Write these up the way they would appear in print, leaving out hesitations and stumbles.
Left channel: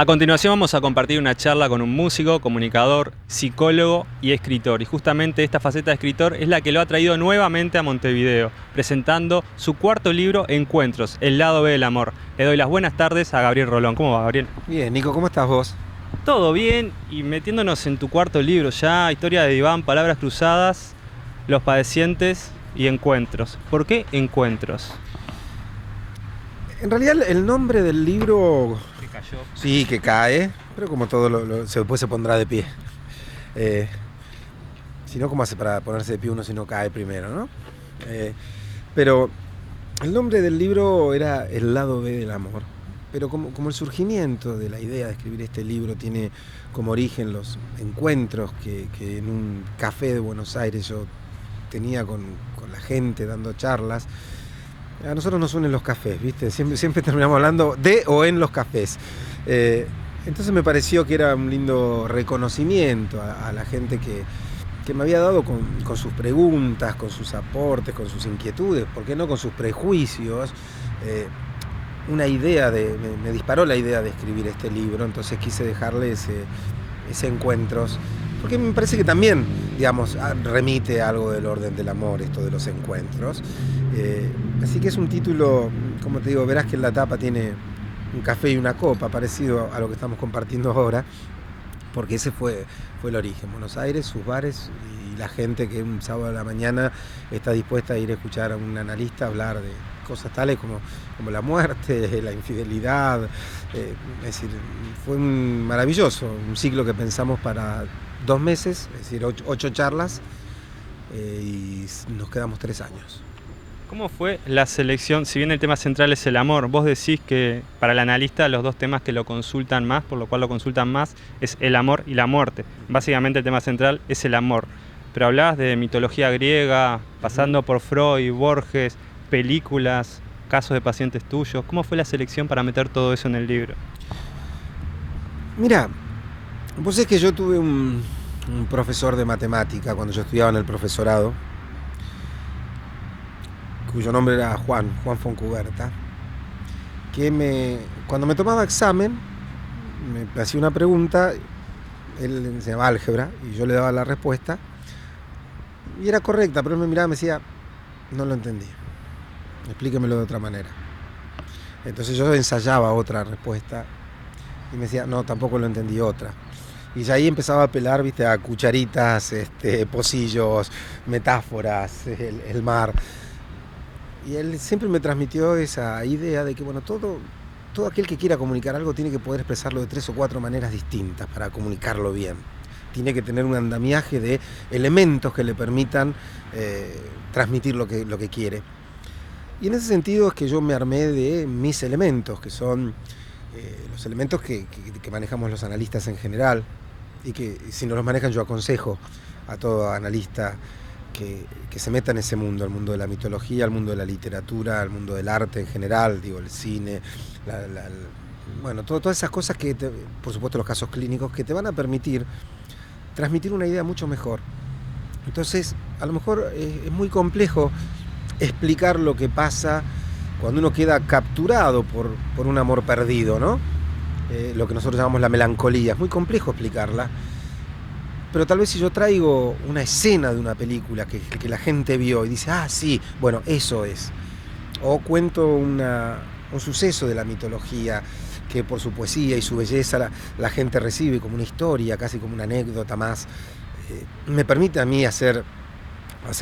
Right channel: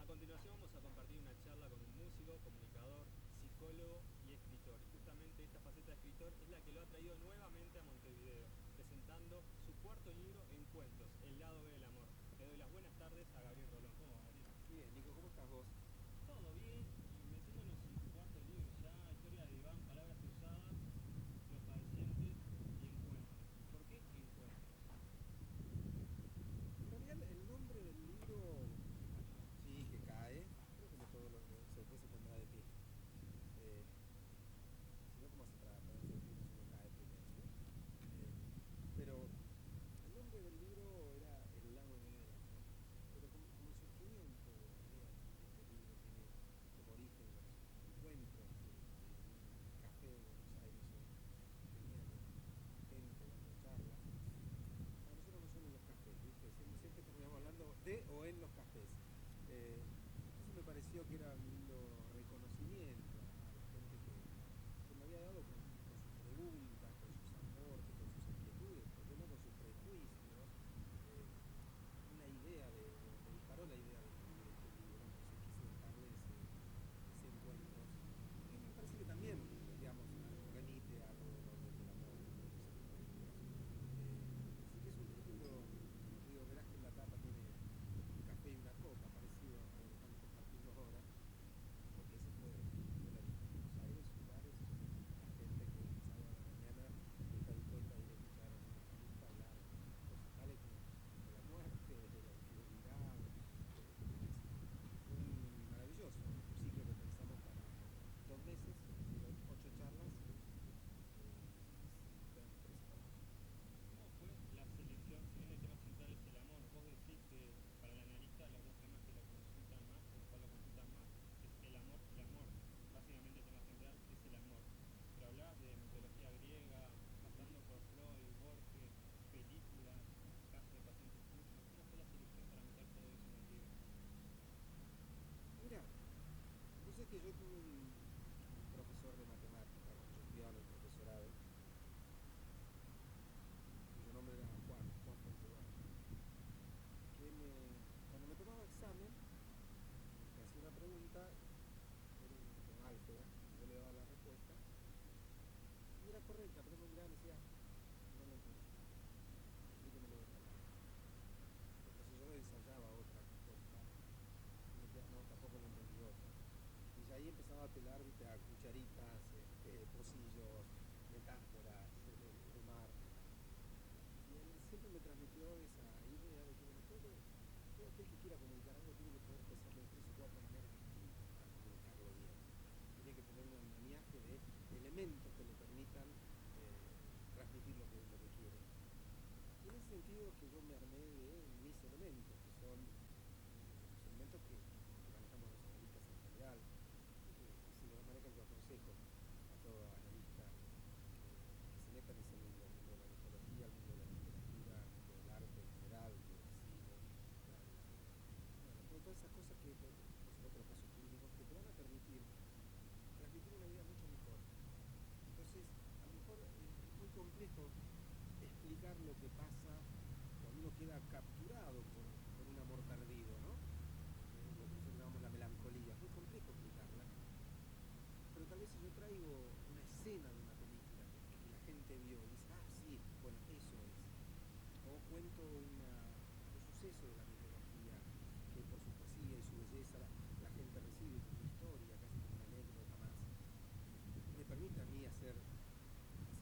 A continuación vamos a compartir una charla con un músico, comunicador, psicólogo y escritor. Y justamente esta faceta de escritor es la que lo ha traído nuevamente a Montevideo, presentando su cuarto libro, Encuentros, el lado B del amor. Le doy las buenas tardes a Gabriel Rolón. ¿Cómo va, Gabriel? Bien, Nico, ¿cómo estás vos? Todo bien, y metiéndonos en tu cuarto libro ya, Historia de Diván, Palabras Cruzadas, Los Padecientes y Encuentros. ¿Por qué Encuentros? En realidad el nombre del libro Que cayó. sí que cae, pero como todo después se pondrá de pie. Eh, si no, ¿cómo hace para ponerse de pie uno si no cae primero, no? Pero el nombre del libro era El lado B del amor. Pero como el surgimiento de la idea de escribir este libro tiene como origen los encuentros que en un café de Buenos Aires yo tenía con la gente dando charlas. A nosotros nos unen los cafés, ¿viste? Siempre terminamos hablando de o en los cafés. Entonces me pareció que era un lindo reconocimiento a la gente que me había dado con sus preguntas, con sus aportes, con sus inquietudes, ¿por qué no con sus prejuicios? Una idea me disparó la idea de escribir este libro, entonces quise dejarle ese encuentros, porque me parece que también, digamos, remite a algo del orden del amor, esto de los encuentros. Así que es un título, como te digo, verás que en la tapa tiene un café y una copa, parecido a lo que estamos compartiendo ahora, porque ese fue el origen. Buenos Aires, sus bares y la gente que un sábado a la mañana está dispuesta a ir a escuchar a un analista hablar de cosas tales como la muerte, la infidelidad. Es decir, fue maravilloso, un ciclo que pensamos para 2 meses, es decir, 8 charlas, y nos quedamos 3 años. ¿Cómo fue la selección? Si bien el tema central es el amor, vos decís que para el analista los dos temas que lo consultan más, por lo cual lo consultan más, es el amor y la muerte. Básicamente el tema central es el amor. Pero hablabas de mitología griega, pasando por Freud, Borges, películas, casos de pacientes tuyos. ¿Cómo fue la selección para meter todo eso en el libro? Mira, vos sabés que yo tuve un profesor de matemática cuando yo estudiaba en el profesorado, cuyo nombre era Juan Foncuberta, que cuando me tomaba examen, me hacía una pregunta, él enseñaba álgebra y yo le daba la respuesta, y era correcta, pero él me miraba y me decía, no lo entendí, explíquemelo de otra manera. Entonces yo ensayaba otra respuesta y me decía, no, tampoco lo entendí, otra. Y ya ahí empezaba a apelar, viste, a cucharitas, pocillos, metáforas, el mar. Y él siempre me transmitió esa idea de que, bueno, todo aquel que quiera comunicar algo tiene que poder expresarlo de 3 o 4 maneras distintas para comunicarlo bien. Tiene que tener un andamiaje de elementos que le permitan transmitir lo que quiere. Y en ese sentido es que yo me armé de mis elementos, que son los elementos que manejamos los analistas en general, y que si no los manejan yo aconsejo a todo analista que se meta en ese mundo, el mundo de la mitología, el mundo de la literatura, el mundo del arte en general, digo, el cine, bueno, todas esas cosas por supuesto los casos clínicos, que te van a permitir transmitir una idea mucho mejor. Entonces, a lo mejor es muy complejo explicar lo que pasa cuando uno queda capturado por un amor perdido, ¿no? Lo que nosotros llamamos la melancolía, es muy complejo explicarla. Pero tal vez si yo traigo una escena de una película que la gente vio y dice, ah, sí, bueno, eso es. O cuento un suceso de la mitología que por su poesía y su belleza la gente recibe como una historia, casi como una anécdota más. Me permite a mí hacer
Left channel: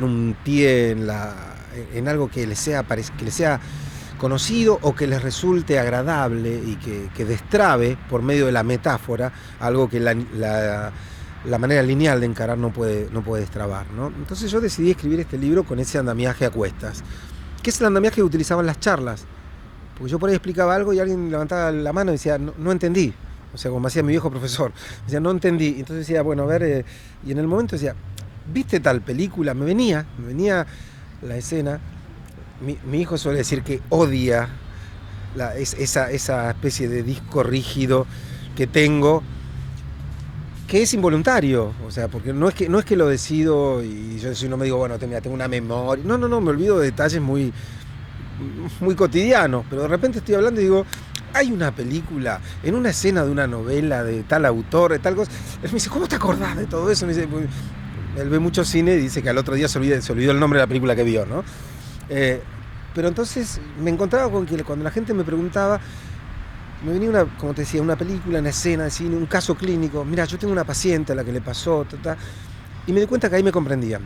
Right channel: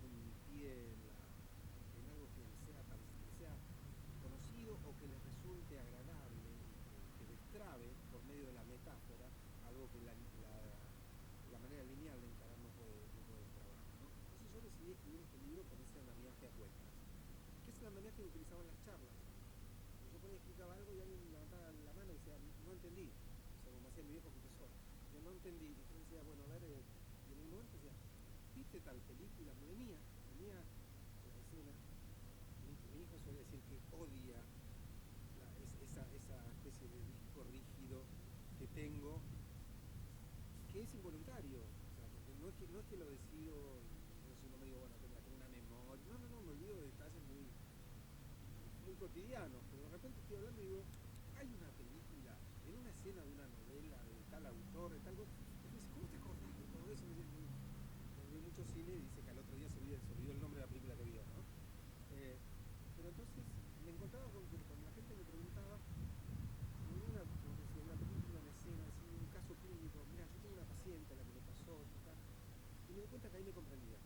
un pie en algo que les sea conocido o que les resulte agradable y que destrabe por medio de la metáfora algo que la manera lineal de encarar no puede destrabar, ¿no? Entonces yo decidí escribir este libro con ese andamiaje a cuestas, que es el andamiaje que utilizaban las charlas, porque yo por ahí explicaba algo y alguien levantaba la mano y decía, no entendí, o sea, como hacía mi viejo profesor, decía, no entendí, entonces decía, bueno, a ver, y en el momento decía, ¿viste tal película? Me venía la escena. Mi hijo suele decir que odia esa especie de disco rígido que tengo, que es involuntario, o sea, porque no es que lo decido y yo no me digo, bueno, tengo una memoria, no, me olvido de detalles muy, muy cotidianos, pero de repente estoy hablando y digo, hay una película, en una escena de una novela de tal autor, de tal cosa. Él me dice, ¿cómo te acordás de todo eso? Me dice, pues, él ve mucho cine y dice que al otro día se olvidó el nombre de la película que vio, ¿no? Pero entonces me encontraba con que cuando la gente me preguntaba, me venía como te decía, una película, una escena de cine, un caso clínico. Mira, yo tengo una paciente a la que le pasó, y me di cuenta que ahí me comprendían.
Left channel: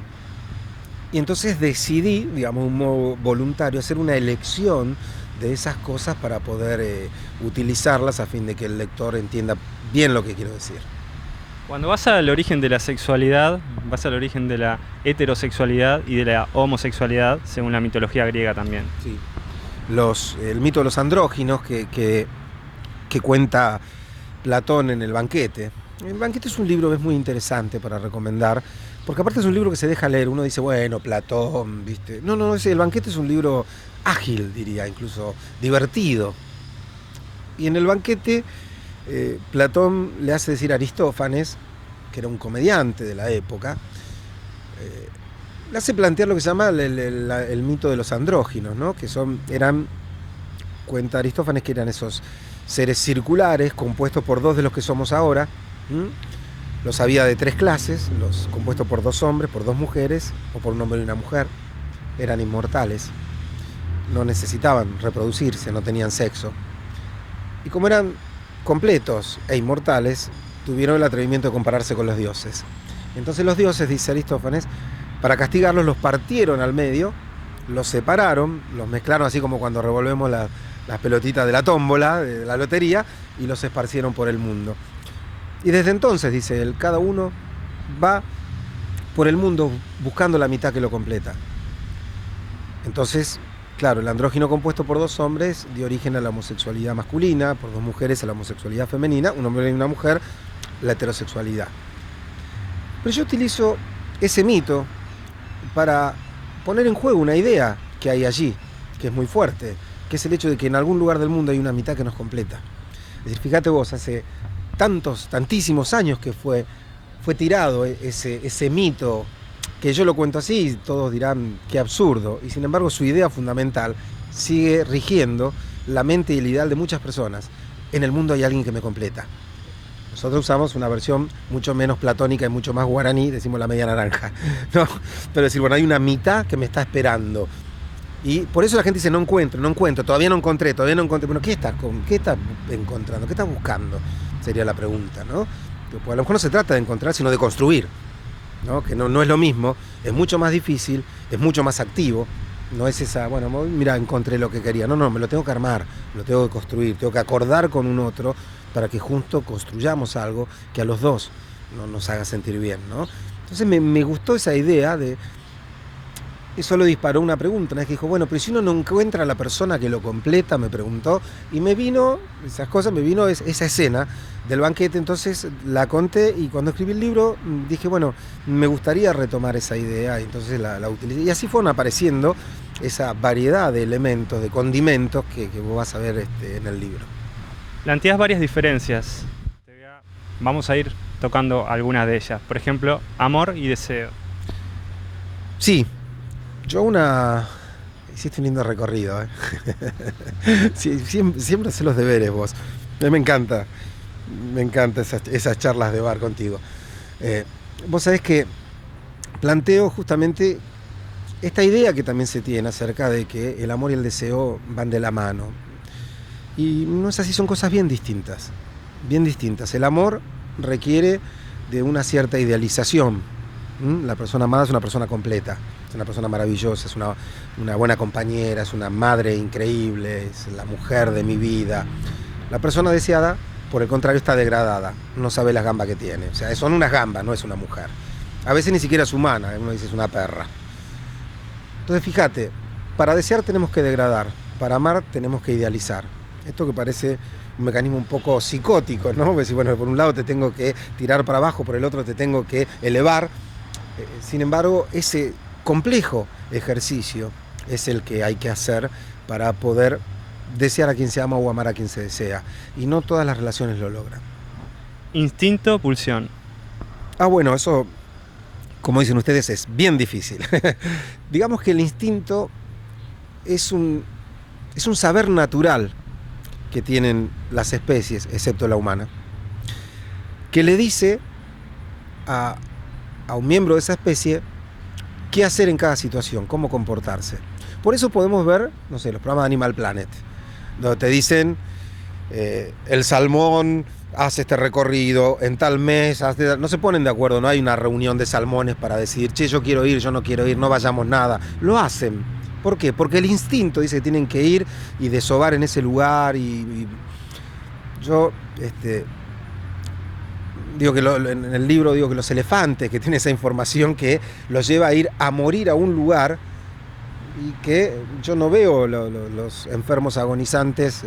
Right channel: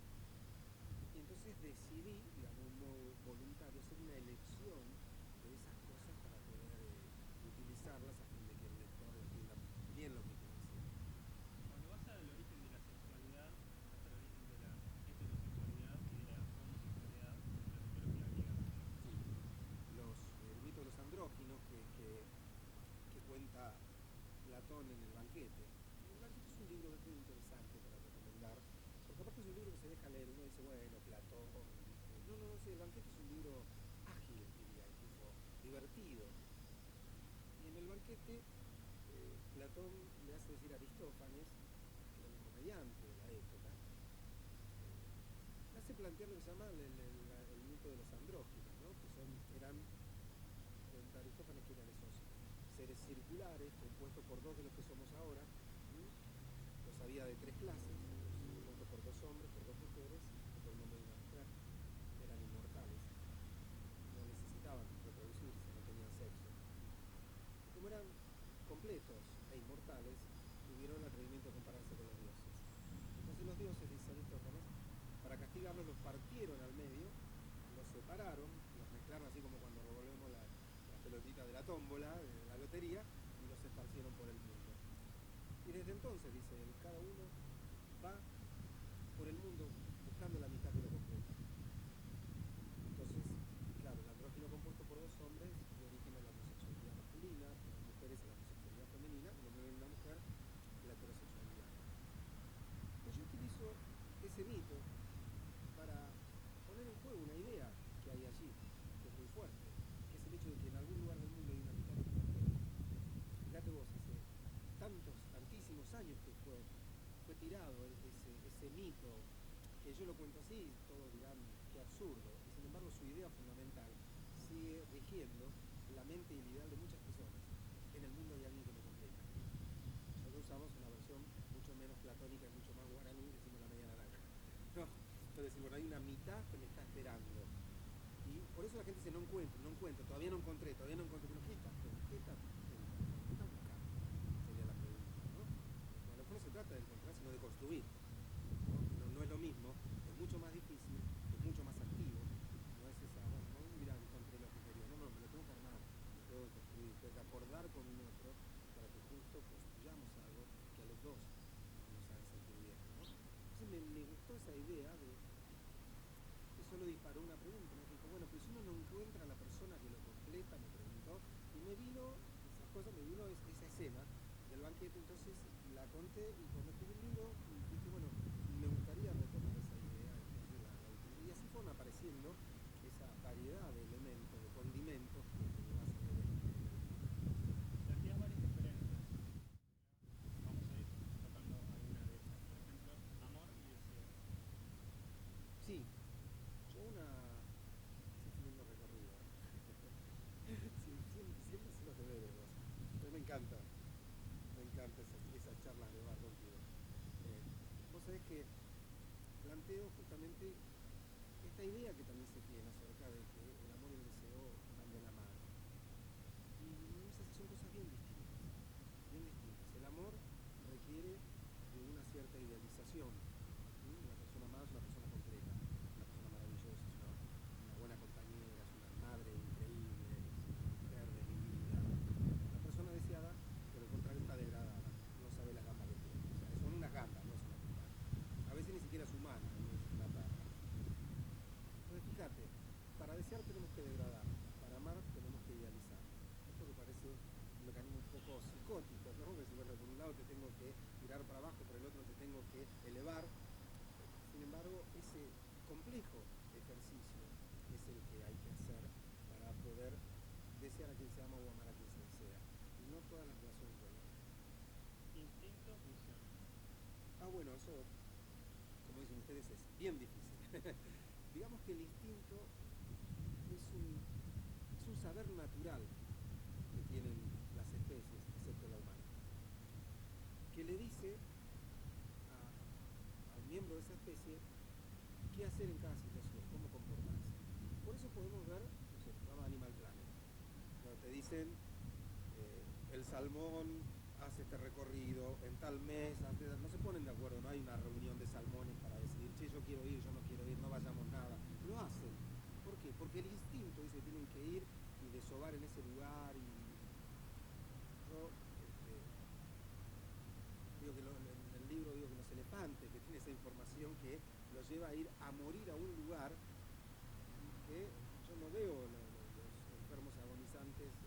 Y entonces decidí, digamos, un modo voluntario, hacer una elección de esas cosas para poder utilizarlas a fin de que el lector entienda bien lo que quiero decir. Cuando vas al origen de la sexualidad, vas al origen de la heterosexualidad y de la homosexualidad, según la mitología griega también. Sí. El mito de los andróginos que cuenta Platón en El banquete. El banquete es un libro que es muy interesante para recomendar, porque aparte es un libro que se deja leer. Uno dice, bueno, Platón, ¿viste? No, El banquete es un libro ágil, diría, incluso divertido. Y en El banquete, Platón le hace decir a Aristófanes, que era un comediante de la época, le hace plantear lo que se llama el mito de los andróginos, ¿no? Cuenta Aristófanes que eran esos seres circulares compuestos por dos de los que somos ahora. Los había de tres clases, los compuestos por dos hombres, por dos mujeres o por un hombre y una mujer. Eran inmortales, no necesitaban reproducirse, no tenían sexo. Y como eran completos e inmortales, tuvieron el atrevimiento de compararse con los dioses. Entonces los dioses, dice Aristófanes, para castigarlos los partieron al medio, los separaron, los mezclaron así como cuando revolvemos las pelotitas de la tómbola, de la lotería, y los esparcieron por el mundo. Y desde entonces, dice él, cada uno va por el mundo buscando la mitad que lo completa. Entonces, claro, el andrógino compuesto por dos hombres dio origen a la homosexualidad masculina, por dos mujeres a la homosexualidad femenina, un hombre y una mujer, la heterosexualidad. Pero yo utilizo ese mito para poner en juego una idea que hay allí, que es muy fuerte, que es el hecho de que en algún lugar del mundo hay una mitad que nos completa. Es decir, fíjate vos, hace tantísimos años que fue tirado ese mito, que yo lo cuento así y todos dirán qué absurdo, y sin embargo su idea fundamental sigue rigiendo la mente y el ideal de muchas personas. En el mundo hay alguien que me completa. Nosotros usamos una versión mucho menos platónica y mucho más guaraní, decimos la media naranja, ¿no? Pero decir, bueno, hay una mitad que me está esperando. Y por eso la gente dice, no encuentro, todavía no encontré. Bueno, ¿qué estás encontrando? ¿Qué estás buscando? Sería la pregunta, ¿no? Pues a lo mejor no se trata de encontrar, sino de construir, ¿no? Que no es lo mismo, es mucho más difícil, es mucho más activo. No es esa, bueno, mira, encontré lo que quería. No, me lo tengo que armar, lo tengo que construir, tengo que acordar con un otro para que juntos construyamos algo que a los dos nos haga sentir bien, ¿no? Entonces me gustó esa idea de... Eso lo disparó una pregunta, una vez que dijo, bueno, pero si uno no encuentra a la persona que lo completa, me preguntó, y me vino esa escena del banquete, entonces la conté, y cuando escribí el libro dije, bueno, me gustaría retomar esa idea, y entonces la utilicé, y así fueron apareciendo esa variedad de elementos, de condimentos que vos vas a ver en el libro. Planteás varias diferencias. Vamos a ir tocando algunas de ellas. Por ejemplo, amor y deseo. Sí. Hiciste un lindo recorrido, ¿eh? Sí, siempre haces los deberes vos. A mí me encanta esas charlas de bar contigo. Vos sabés que planteo justamente esta idea que también se tiene acerca de que el amor y el deseo van de la mano. Y no es así, son cosas bien distintas. Bien distintas. El amor requiere de una cierta idealización. La persona amada es una persona completa. Es una persona maravillosa, es una buena compañera, es una madre increíble, es la mujer de mi vida. La persona deseada, por el contrario, está degradada, no sabe las gambas que tiene. O sea, son unas gambas, no es una mujer. A veces ni siquiera es humana, uno dice es una perra. Entonces, fíjate, para desear tenemos que degradar, para amar tenemos que idealizar. Esto que parece un mecanismo un poco psicótico, ¿no? Porque, bueno, por un lado te tengo que tirar para abajo, por el otro te tengo que elevar. Sin embargo, ese complejo ejercicio es el que hay que hacer para poder desear a quien se ama o amar a quien se desea. Y no todas las relaciones lo logran. Instinto, pulsión. Bueno, eso, como dicen ustedes, es bien difícil. Digamos que el instinto es un saber natural que tienen las especies, excepto la humana, que le dice a un miembro de esa especie qué hacer en cada situación, cómo comportarse. Por eso podemos ver, no sé, los programas de Animal Planet, donde te dicen, el salmón hace este recorrido, en tal mes, no se ponen de acuerdo, no hay una reunión de salmones para decidir, che, yo quiero ir, yo no quiero ir, no vayamos nada. Lo hacen. ¿Por qué? Porque el instinto dice que tienen que ir y desovar en ese lugar y yo... digo que en el libro digo que los elefantes, que tienen esa información que los lleva a ir a morir a un lugar, y que yo no veo los enfermos agonizantes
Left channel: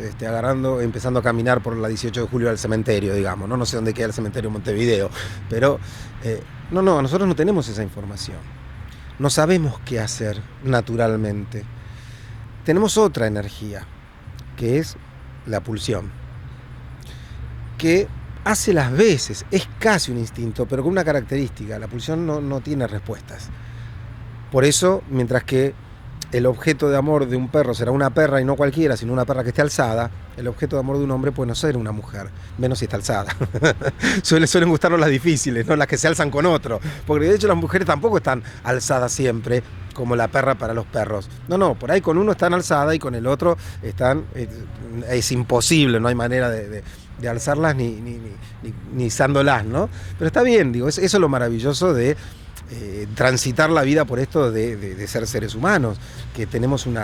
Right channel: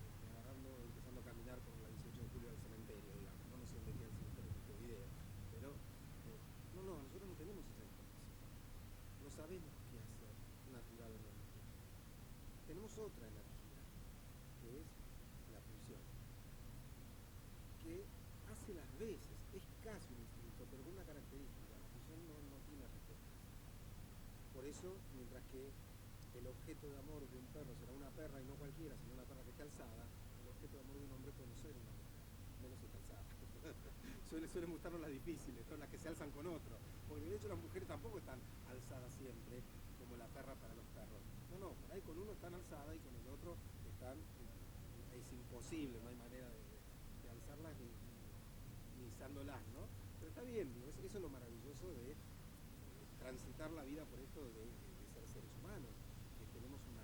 empezando a caminar por la 18 de julio al cementerio, digamos, ¿no? No sé dónde queda el cementerio en Montevideo, pero no, nosotros no tenemos esa información. No sabemos qué hacer naturalmente. Tenemos otra energía, que es la pulsión, que hace las veces, es casi un instinto, pero con una característica: la pulsión no tiene respuestas. Por eso, mientras que el objeto de amor de un perro será una perra y no cualquiera, sino una perra que esté alzada, el objeto de amor de un hombre puede no ser una mujer, menos si está alzada. Suelen gustarnos las difíciles, no las que se alzan con otro, porque de hecho las mujeres tampoco están alzadas siempre, como la perra para los perros. No, por ahí con uno están alzadas y con el otro están, es imposible, no hay manera de alzarlas ni izándolas, ¿no? Pero está bien, digo, eso es lo maravilloso de transitar la vida por esto de ser seres humanos, que tenemos un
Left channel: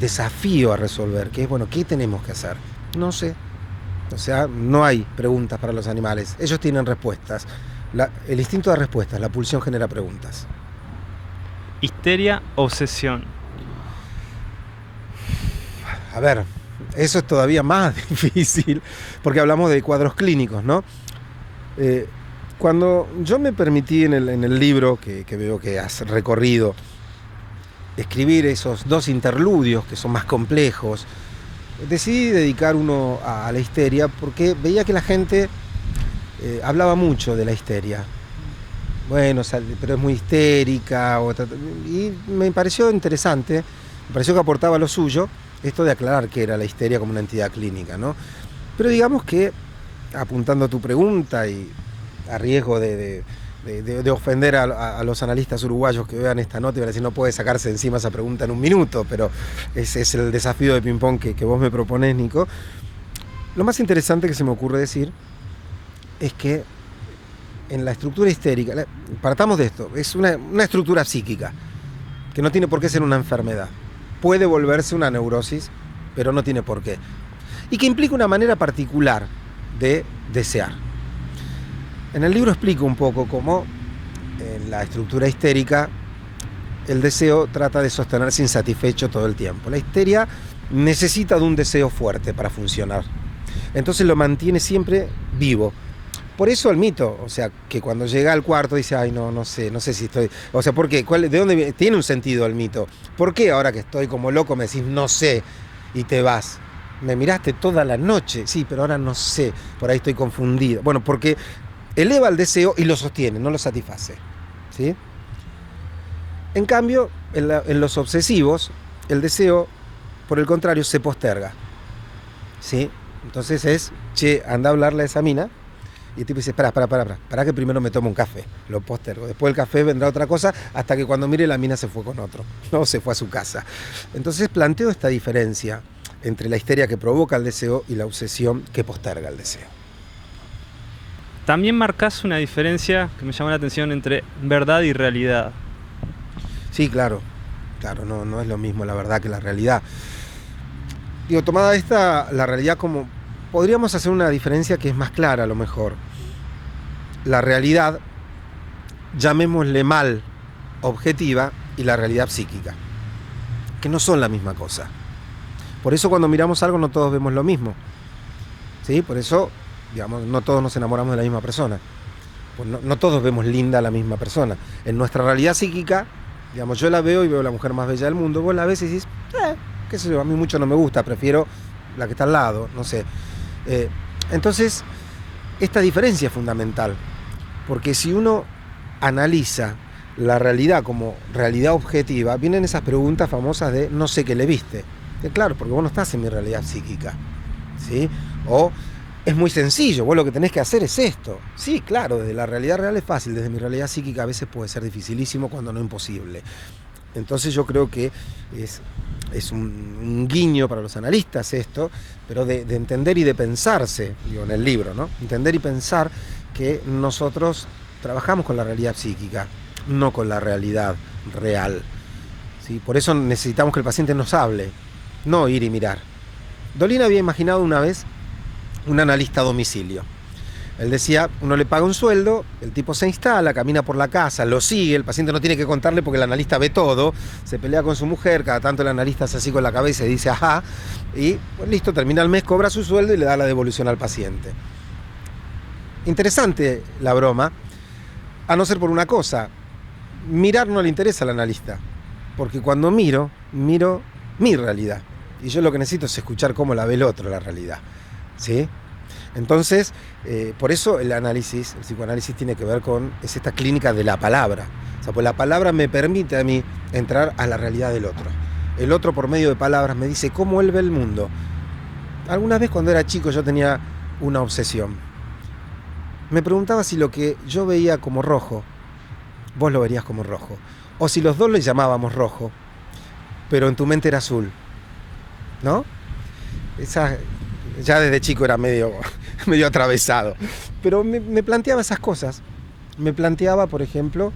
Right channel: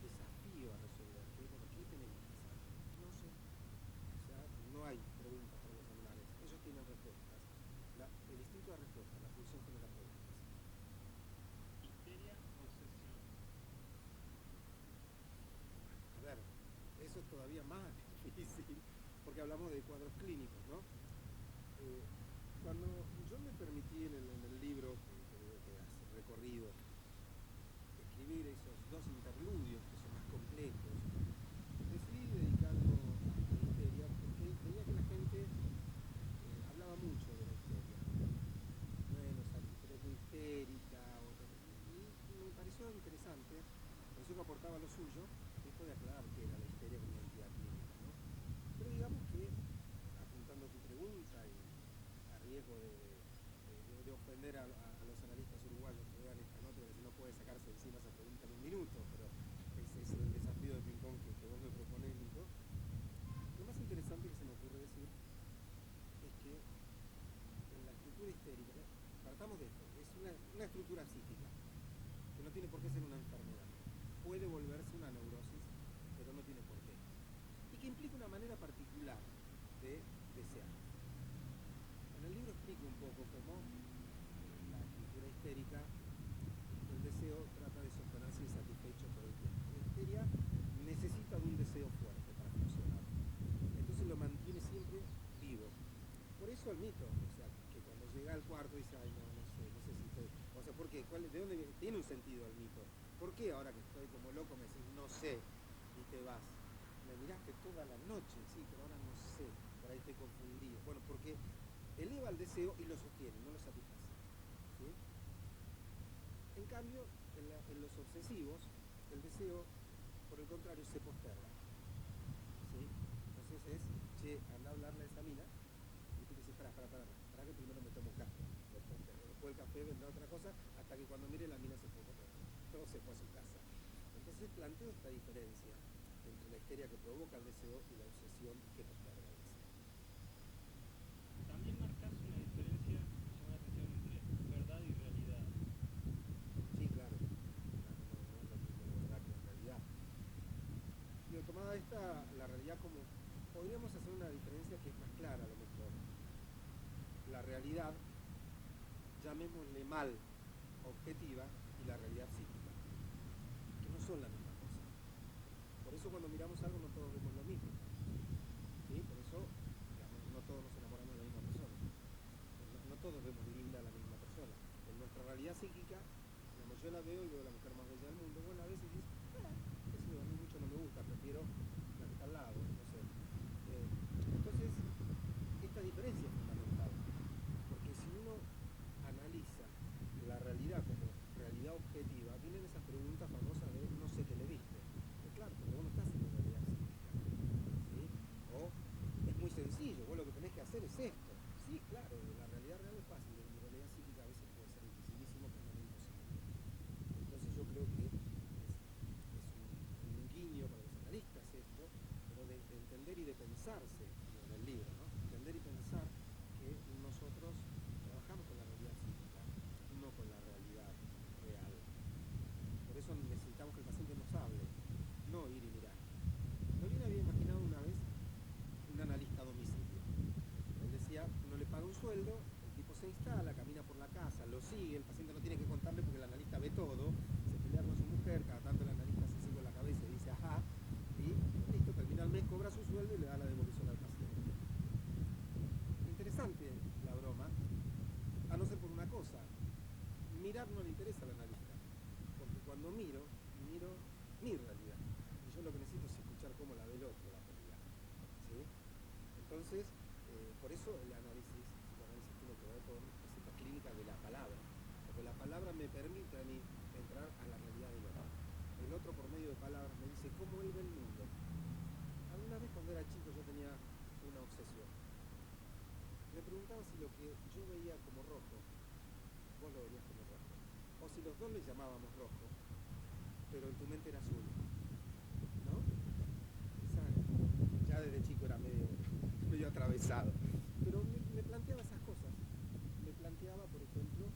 desafío a resolver, que es, bueno, ¿qué tenemos que hacer? No sé. O sea, no hay preguntas para los animales, ellos tienen respuestas. El instinto da respuestas, la pulsión genera preguntas. Histeria, obsesión. A ver, eso es todavía más difícil, porque hablamos de cuadros clínicos, ¿no? Cuando yo me permití en el libro, que veo que has recorrido, escribir esos 2 interludios que son más complejos, decidí dedicar uno a la histeria porque veía que la gente hablaba mucho de la histeria. Bueno, pero es muy histérica. Y me pareció interesante, me pareció que aportaba lo suyo, esto de aclarar qué era la histeria como una entidad clínica, ¿no? Pero digamos que, apuntando a tu pregunta y a riesgo de ofender a los analistas uruguayos que vean esta nota y van a decir, no puede sacarse encima esa pregunta en un minuto, pero ese es el desafío de ping-pong que vos me proponés, Nico. Lo más interesante que se me ocurre decir es que en la estructura histérica, partamos de esto, es una estructura psíquica, que no tiene por qué ser una enfermedad. Puede volverse una neurosis, pero no tiene por qué. Y que implica una manera particular de desear. En el libro explico un poco cómo en la estructura histérica el deseo trata de sostenerse insatisfecho todo el tiempo. La histeria necesita de un deseo fuerte para funcionar. Entonces lo mantiene siempre vivo. Por eso el mito, o sea, que cuando llega al cuarto dice, ay, no sé si estoy... O sea, ¿por qué? ¿De dónde viene? Tiene un sentido el mito. ¿Por qué ahora que estoy como loco me decís, no sé, y te vas? Me miraste toda la noche, sí, pero ahora no sé, por ahí estoy confundido. Bueno, porque eleva el deseo y lo sostiene, no lo satisface, ¿sí? En cambio, en los obsesivos, el deseo, por el contrario, se posterga, ¿sí? Entonces es, che, anda a hablarle a esa mina, y el tipo dice, para que primero me tomo un café, lo postergo. Después del café vendrá otra cosa, hasta que cuando mire la mina se fue con otro, no se fue a su casa. Entonces planteo esta diferencia entre la histeria que provoca el deseo y la obsesión que posterga el deseo. También marcás una diferencia que me llamó la atención entre verdad y realidad. Sí, claro, no es lo mismo la verdad que la realidad. Digo, tomada la realidad como... Podríamos hacer una diferencia que es más clara a lo mejor. La realidad, llamémosle mal, objetiva, y la realidad psíquica, que no son la misma cosa. Por eso cuando miramos algo no todos vemos lo mismo, ¿sí? Por eso, digamos, no todos nos enamoramos de la misma persona. Pues no todos vemos linda a la misma persona. En nuestra realidad psíquica, digamos, yo la veo y veo la mujer más bella del mundo, vos la ves y decís, qué sé yo, a mí mucho no me gusta, prefiero la que está al lado, no sé. Entonces, esta diferencia es fundamental, porque si uno analiza la realidad como realidad objetiva, vienen esas preguntas famosas de no sé qué le viste. Claro, porque vos no estás en mi realidad psíquica. ¿sí? O es muy sencillo, vos lo que tenés que hacer es esto. Sí, claro, desde la realidad real es fácil, desde mi realidad psíquica a veces puede ser dificilísimo cuando no imposible. Entonces yo creo que es un guiño para los analistas esto, pero de entender y de pensarse, digo, en el libro, ¿no? Entender y pensar que nosotros trabajamos con la realidad psíquica, no con la realidad real, ¿sí? Por eso necesitamos que el paciente nos hable, no ir y mirar. Dolina había imaginado una vez un analista a domicilio. Él decía, uno le paga un sueldo, el tipo se instala, camina por la casa, lo sigue, el paciente no tiene que contarle porque el analista ve todo, se pelea con su mujer, cada tanto el analista hace así con la cabeza y dice ajá, y pues listo, termina el mes, cobra su sueldo y le da la devolución al paciente. Interesante la broma, a no ser por una cosa, mirar no le interesa al analista, porque cuando miro mi realidad, y yo lo que necesito es escuchar cómo la ve el otro la realidad, ¿sí? Entonces, por eso el psicoanálisis tiene que ver con, es esta clínica de la palabra. O sea, pues la palabra me permite a mí entrar a la realidad del otro. El otro por medio de palabras me dice cómo él ve el mundo. Alguna vez cuando era chico yo tenía una obsesión. Me preguntaba si lo que yo veía como rojo, vos lo verías como rojo. O si los dos le llamábamos rojo, pero en tu mente era azul. ¿No? Ya desde chico era medio atravesado. Pero me planteaba esas cosas. Me planteaba, por ejemplo,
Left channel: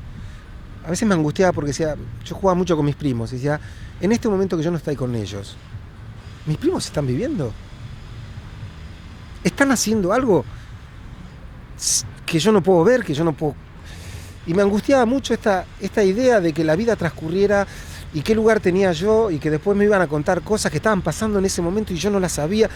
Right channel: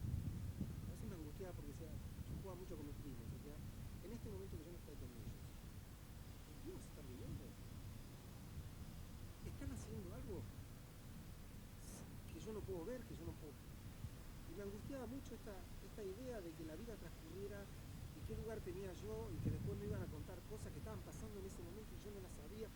a veces me angustiaba porque decía, yo jugaba mucho con mis primos, y decía, en este momento que yo no estoy con ellos, ¿mis primos están viviendo? ¿Están haciendo algo que yo no puedo ver, que yo no puedo? Y me angustiaba mucho esta idea de que la vida transcurriera y qué lugar tenía yo y que después me iban a contar cosas que estaban pasando en ese momento y yo no las sabía.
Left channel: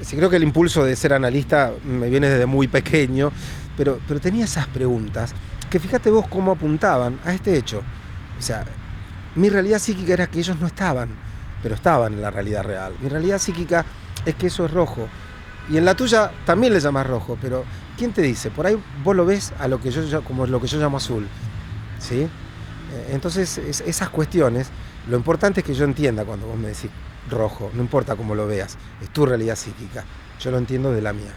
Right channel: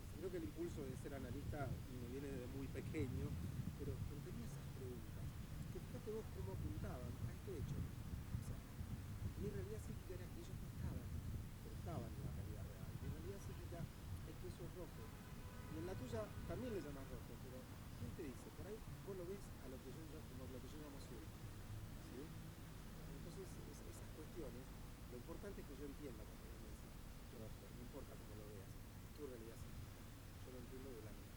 Sí, creo que el impulso de ser analista me viene desde muy pequeño, pero tenía esas preguntas que fíjate vos cómo apuntaban a este hecho. O sea, mi realidad psíquica era que ellos no estaban, pero estaban en la realidad real. Mi realidad psíquica es que eso es rojo. Y en la tuya también le llamas rojo, pero ¿quién te dice? Por ahí vos lo ves a lo que como lo que yo llamo azul, ¿sí? Entonces, esas cuestiones, lo importante es que yo entienda cuando vos me decís rojo, no importa cómo lo veas, es tu realidad psíquica, yo lo entiendo de la mía.